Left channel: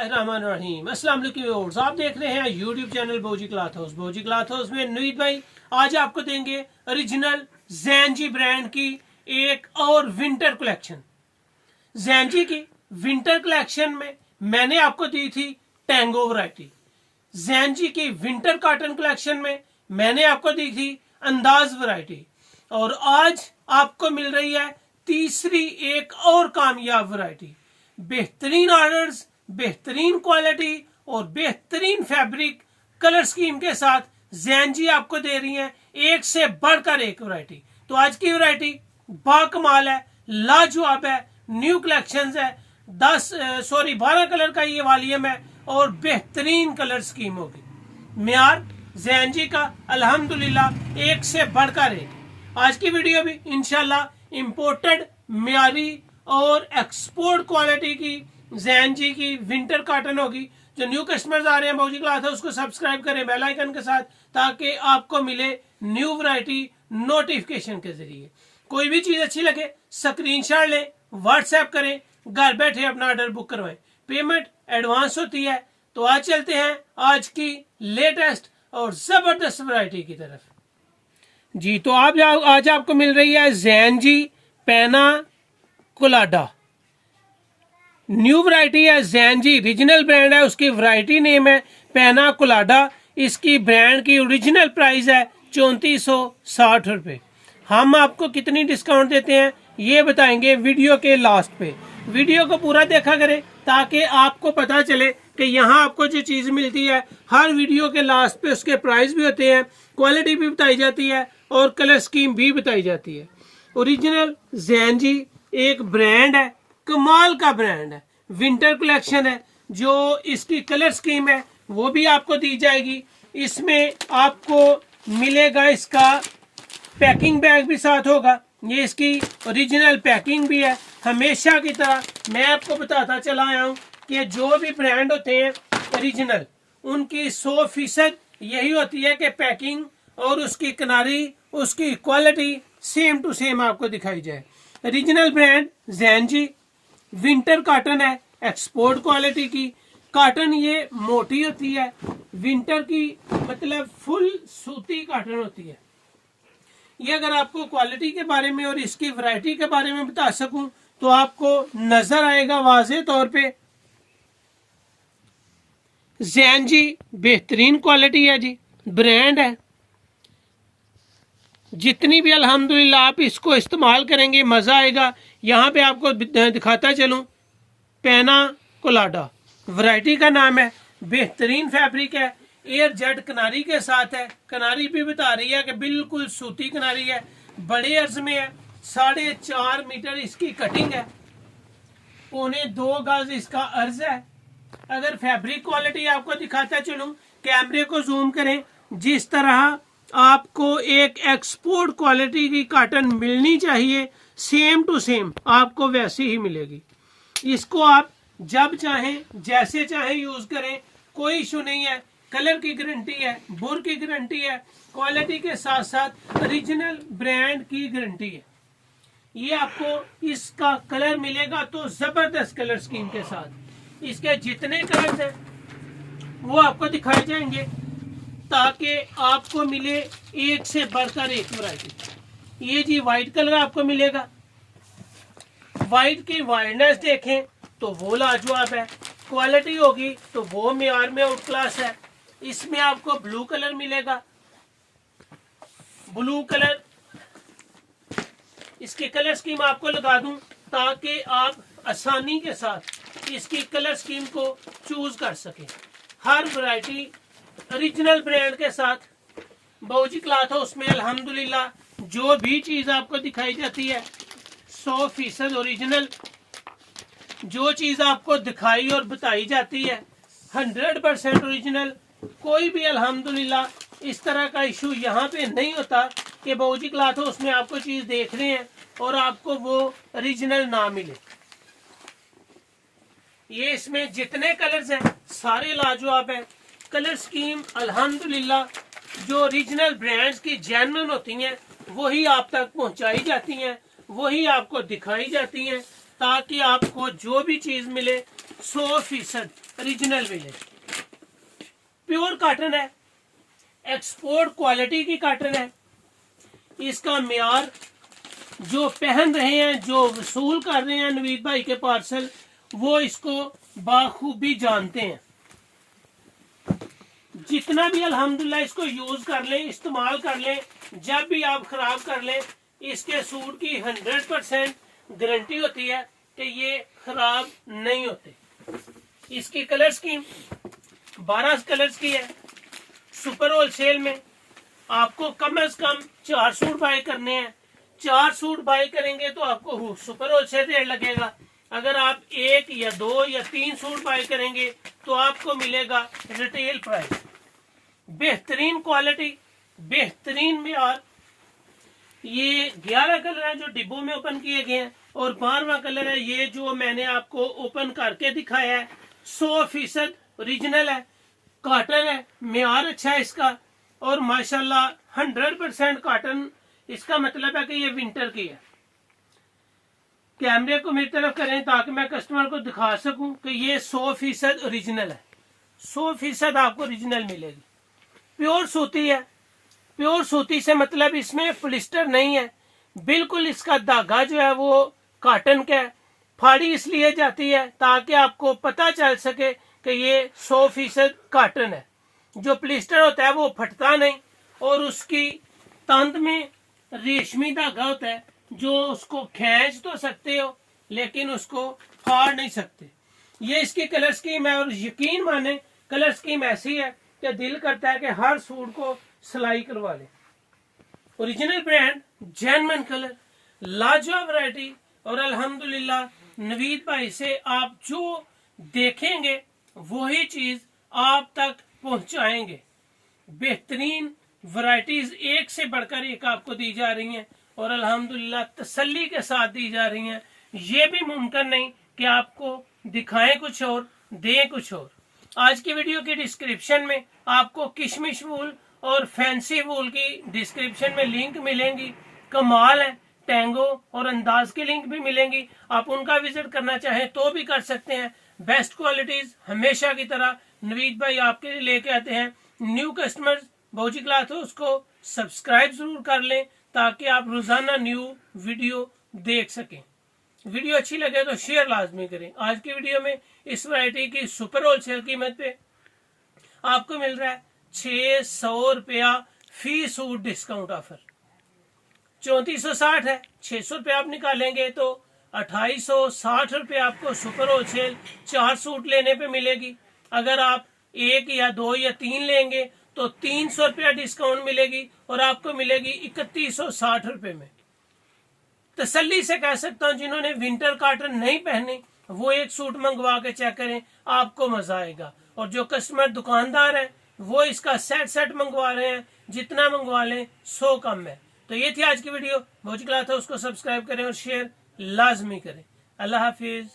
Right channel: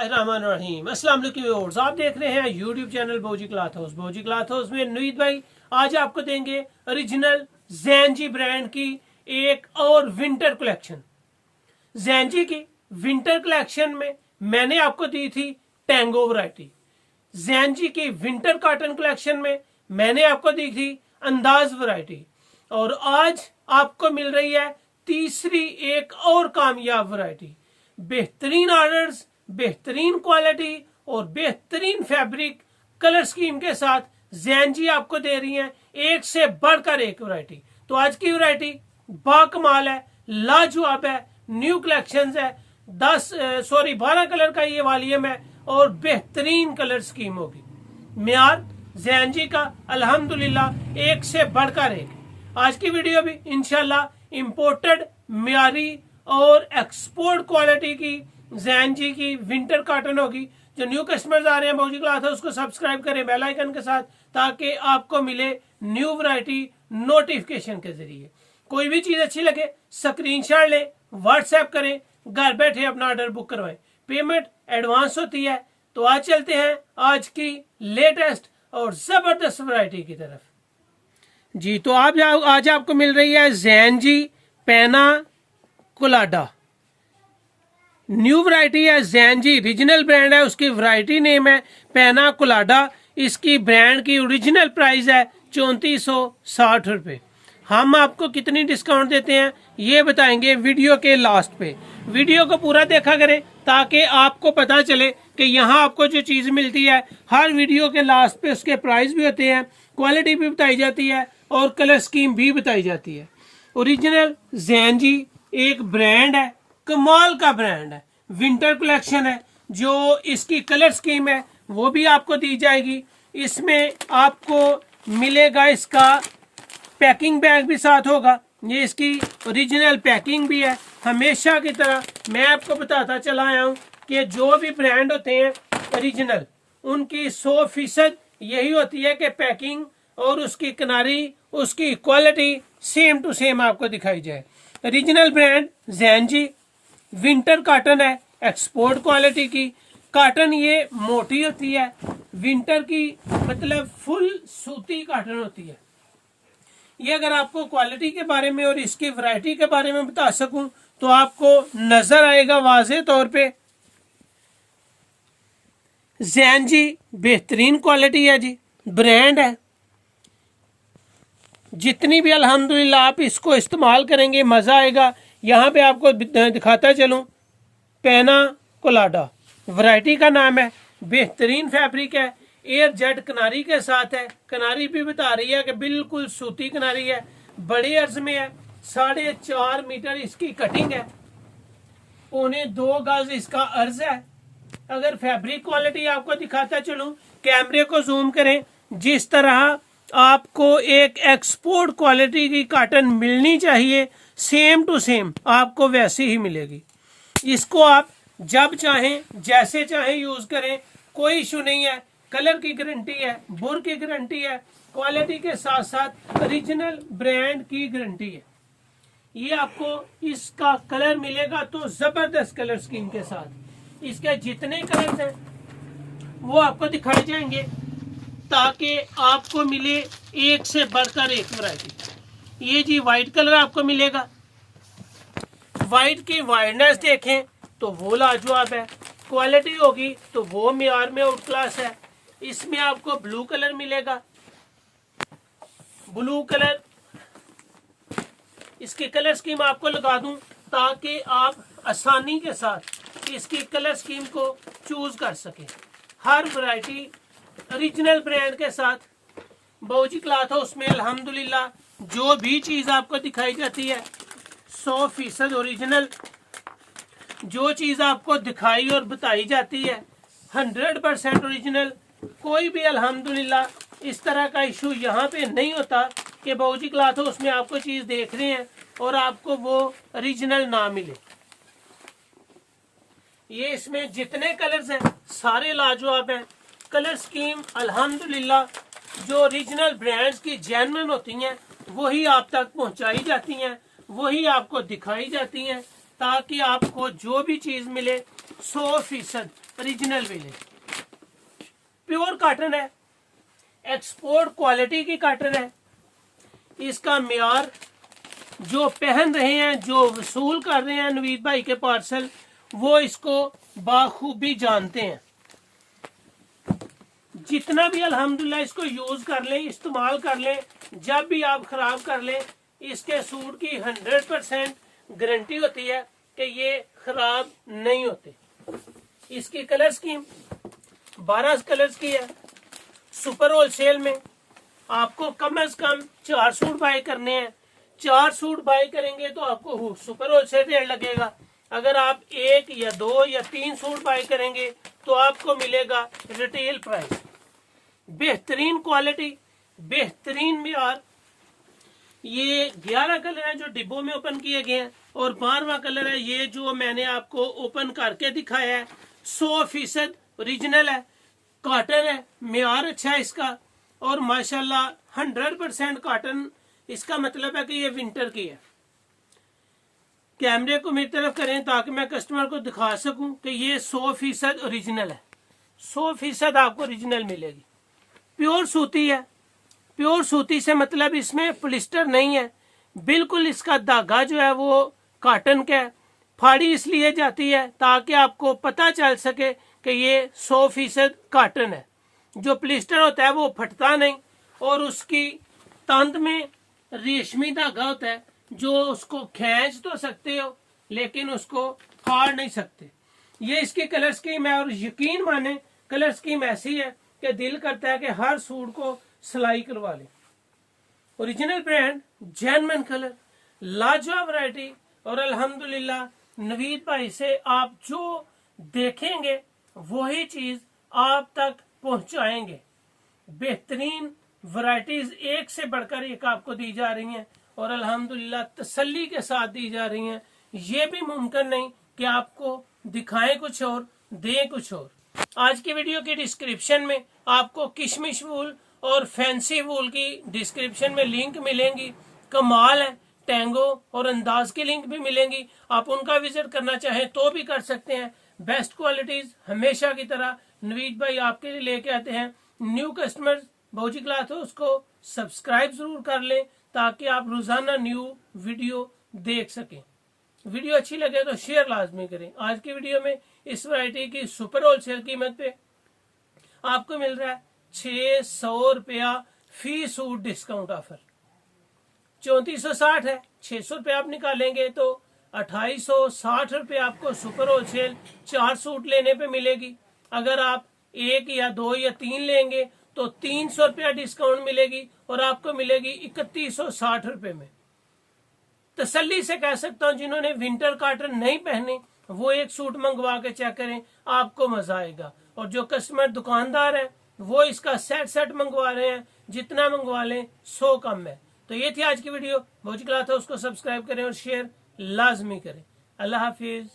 बिस्मिल्लाहिर्रहमानिर्रहीम। अस्सलाम वालेकुम व्यूअर्स, आप देख रहे हैं यूट्यूब चैनल भोजी क्लॉथ हाउस। भोजी क्लॉथ हाउस में नुईद भाई आज आपको देंगे ओरिजिनल जैनजी ब्रांड की एक और विंटर कलेक्शन। जैनजी की विंटर कलेक्शन में मैंने आपको दी थी टैंगो वैरायटी। जैनजी की विंटर कॉटन कलेक्शन में मैंने आपको दी थी अंदाज वैरायटी। और आज आपको मिल रही है तीसरी एक और कामयाब वैरायटी। बेहतरीन ऑर्डर्स, बेहतरीन क्वालिटी और बेहतरीन फैब्रिक कलर स्कीम के साथ जैनजी आपको दे रही हैं एक से बढ़कर एक वैरायटी। तो आज की वैरायटी बाकमाल है, लाजवाब है, न्यू कलेक्शंस है। 12 कलर का ये वॉल्यूम है और बेहतरीन कलर स्कीम होगी। म्यार जैनजी का अल्हम्दुलिल्लाह एक से बढ़कर एक। आज की वीडियो भी इंशाल्लाह इंपोर्टेड म्यारी और एक्सपोर्ट क्वालिटी की जैनजी की विंटर कॉटन होगी। जो न्यू कस्टमर्स आ रहे हैं भोजी क्लॉथ हाउस उसको सब्सक्राइब करें बेल आइकन के साथ, ताकि आपको मिले न्यू वैरायटी नोटिफिकेशन के जरिए। कोई भी चीज अच्छी लगे स्क्रीनशॉट लें, व्हाट्सएप करें, घर बैठे अपना ऑर्डर बुक करवाएं। पेमेंट एडवांस होती है। तो आज चलते हैं आज की लेटेस्ट और जबरदस्त वैरायटी की तरफ जी। तो आज आपको मिल रही है जैनजी पैना कोलाडा। न्यू वैरायटी है जैनजी, रीजनल ब्रांड है, उसकी वैरायटी नेम है पैना कोलाडा। इसकी ब्रांड की ओरिजिनल प्राइस है 3460 रुपए। हम आपको कितनी डिस्काउंट देते हैं ये बताएंगे वीडियो के लास्ट पे। वीडियो को पूरा देखा करें ताकि आपको पता चले कि यहाँ आपको जो चीज मिलती है हर वीडियो के लास्ट पे उसके प्राइस भी होते हैं, क्वालिटी भी बताई जाती है और कलर स्कीम भी बताई जाती है। ओरिजिनल जैनजी एक ब्रांड है, कमाल का ब्रांड है। विंटर कलेक्शन है। जो इसकी कलर स्कीम है वो भी आपको दी जाएगी। इसमें आपको मिलेगा इसका पैकिंग बैग भी साथ होगा। ये इसकी ओरिजिनल पैकिंग भी है। हमेशा की तरह मैं आपको बताता चला आया हूँ कि जो भी ब्रांड होते हैं ओरिजिनल, उनकी 100% यही होती है कि पैकिंग और उसकी किनारी, उसकी क्वालिटी सेम टू सेम आपको दिखाई जाए। Original brand Gen Z winter cotton है, एक्सपोर्ट क्वालिटी की कॉटन। ये मोटी होती है, विंटर की मतलब फुल सूती कॉटन होती है। ये अगर आपको क्वालिटी के बारे में और इसकी वैरायटी के बारे में बता सकूं तो आपको नजर आएगा वाज़ेह तौर पे। जैनजी बेहतरीन क्वालिटी है जी, ब्रांड है। जितनी भी अल्हम्दुलिल्लाह आप इसको इस्तेमाल करेंगे मजा आएगा। यहाँ पे आपको दिखाता चलूं पैना कोलाडा वैरायटी का नाम है। बेहतरीन फैब्रिक है, एयर जेट किनारी के साथ है। किनारी भी बता रही है कि बिल्कुल सूती किनारी है, बड़े अर्ज में है। 4.5 मीटर इसकी कटिंग है, 1.25 गज इसका अर्ज है। अगर फैब्रिक क्वालिटी आपको दिखाता चलूं, कैमरे को जूम करें, जिस तरह आपको एक एक्सपोर्ट क्वालिटी की कॉटन मिलनी चाहिए सेम टू सेम आपको वैसी ही मिलेगी। इसको आप जब चाहें जैसे चाहें यूज करें, कोई इशू नहीं है। कलर की गारंटी है, बुर की गारंटी है, क्वालिटी के साथ साथ ओरिजिनल ब्रांड की गारंटी है। ये आपको इसका कलर मिलेगा तो जबरदस्त कलर स्कीम के साथ। इसके जितने कलर हैं वो आपको दिखाए जाएंगे ताकि आपको मिले एक से बढ़कर एक वैरायटी। ये जी व्हाइट कलर आपको मिलेगा। व्हाइट की वाइडनेस देखें तो वो लाजवाब है, क्वालिटी होगी तो वो मेयार में आउट क्लास है। इसमें आपको ब्लू कलर मिलेगा। ब्लू कलर इसकी कलर स्कीम आपको लगा दूं ताकि आप आसानी के साथ इसकी कलर स्कीम को चूज कर सकें। हर वैरायटी ओरिजिनल ब्रांड के साथ भोजी क्लॉथ हाउस में अल्हम्दुलिल्लाह जो भी चीज आपको दिखाई जाती है 100% ओरिजिनल। जो चीज आपको दिखाई और बताई जाती है 100% ओरिजिनल। कोई भी अल्हम्दुलिल्लाह इस तरह का इशू यहाँ पे नहीं होता कि भोजी क्लॉथ हाउस में आपको चीज देख रहे हैं और आपको वो ओरिजिनल ना मिले। ये इसमें जितने कलर्स हैं सारे लाजवाब हैं। कलर स्कीम अल्हम्दुलिल्लाह जो ओरिजिनल ब्रांड्स की जेन्युइन होती हैं वही आप तक पहुंचाई जाती हैं, वही आपको दिखाई जाती हैं, ताकि आपको जो भी चीज मिले 100% ओरिजिनल मिलेगी। प्योर कॉटन है, एक्सपोर्ट क्वालिटी की कॉटन है। इसका मियार जो पहन रहे हैं, जो वसूल कर रहे हैं नवीद भाई के पार्सल, वो इसको बाखूबी जानते हैं। जितना भी अल्हम्दुलिल्लाह इसको यूज कर लें, इस्तेमाल कर लें, जब भी आप खराब कर लें, इसके सूट की 100% गारंटी होती है कि ये खराब नहीं होते। इसकी कलर स्कीम 12 कलर्स की है। सुपर होलसेल में आपको कम से कम 4 सूट बाय करने हैं। 4 सूट बाय करेंगे तो आपको सुपर होलसेल रेट लगेगा। अगर आप 1 या 2 या 3 सूट बाय करेंगे तो आपको मिलेगा रिटेल प्राइस। बेहतरीन क्वालिटी, बेहतरीन मियार। ये 11 कलर है जो डिब्बों में ओपन किए गए हैं, और 12वां कलर है ये जो मैंने आपको ओपन करके दिखाया है। 100% ओरिजिनल है, कॉटन है, मियार अच्छा है इसका, और माशाल्लाह 100% कॉटन। इसका मतलब है कि ये विंटर की है। कैमरे को मेरी तरफ करें ताकि मैं कस्टमर को दिखा सकूं कि ये 100% ओरिजिनल है। 100% आपको ओरिजिनल मिलेगी। प्योर सूती है। प्योर सूती से मतलब इसमें पॉलिस्टर नहीं है, बिल्कुल इसका धागा जो है वो कॉटन का है। फाड़ी इसलिए जाती है ताकि आपको पता चल सके कि ये 100% कॉटन है। जो पॉलिस्टर होता है वो फटता नहीं, और उसकी तंत में रेशमी धागा होता है जो उसको खींच तो सकते हो लेकिन उसको फाड़ नहीं सकते। ये इसकी कलर स्कीम है, और यकीन माने कलर स्कीम ऐसी है कि दिल करता है कि हर सूट को सिलाई करवा ले। ओरिजिनल ब्रांड, जेन्युइन कलर, लाजवाब वैरायटी, और अल्हम्दुलिल्लाह नवीद भाई से आप जो देखेंगे वही चीज आप तक पहुंचाएंगे। बेहतरीन वैरायटीज एक से बढ़कर एक आपको दी जा रही हैं, और अल्हम्दुलिल्लाह तसल्ली के साथ दी जा रही हैं। ये भी मुमकिन नहीं कि आपको दिखाएं कुछ और दें कुछ और। आज की वीडियो की डिस्क्रिप्शन में आपको किशमिश वूल और फैंसी वूल की डिस्क्रिप्शन में लिंक मिलेंगी। कमाल है, टैंगो और अंदाज की लिंक भी मिलेंगी। आप उनका विजिट करना चाहें तो भी कर सकते हैं। बेस्ट क्वालिटीज हमेशा की तरह नवीद भाई आपके लिए लेके आते हैं। न्यू कस्टमर्स भौजी क्लॉथ हाउस को सब्सक्राइब जरूर कर लें ताकि आप रोजाना न्यू वीडियो देख सकें। वीडियो अच्छी लगे तो शेयर लाजमी करें। आज की वीडियो में इस वैरायटी की सुपर होलसेल कीमत पे आपको मिल रहा है 600 रुपया फी सूट डिस्काउंट ऑफर। 3460 है, 600 रुपये आप निकालेंगे तो 2860 रुपये आपको सुपर होलसेल 4 सूट लेने पे मिलेगी। अगर आप 1 या 2 या 3 लेंगे तो 300 रुपया डिस्काउंट मिलेगी, और आपको मिलेगी 3160 रुपये में। तसल्ली से कह सकता हूं जिन्होंने विंटर कॉटन नहीं पहने वो एक सूट मंगवा के चेक करें, आपको मजा आएगा। और जो कस्टमर दुकानदार है वो इसका सेट मंगवा रहे हैं, जितना मंगवा लें 100 कम है। तो ये थी आज की वीडियो। भौजी क्लॉथ हाउस को सब्सक्राइब करें और शेयर लाजमी करें। अल्लाह हाफिज।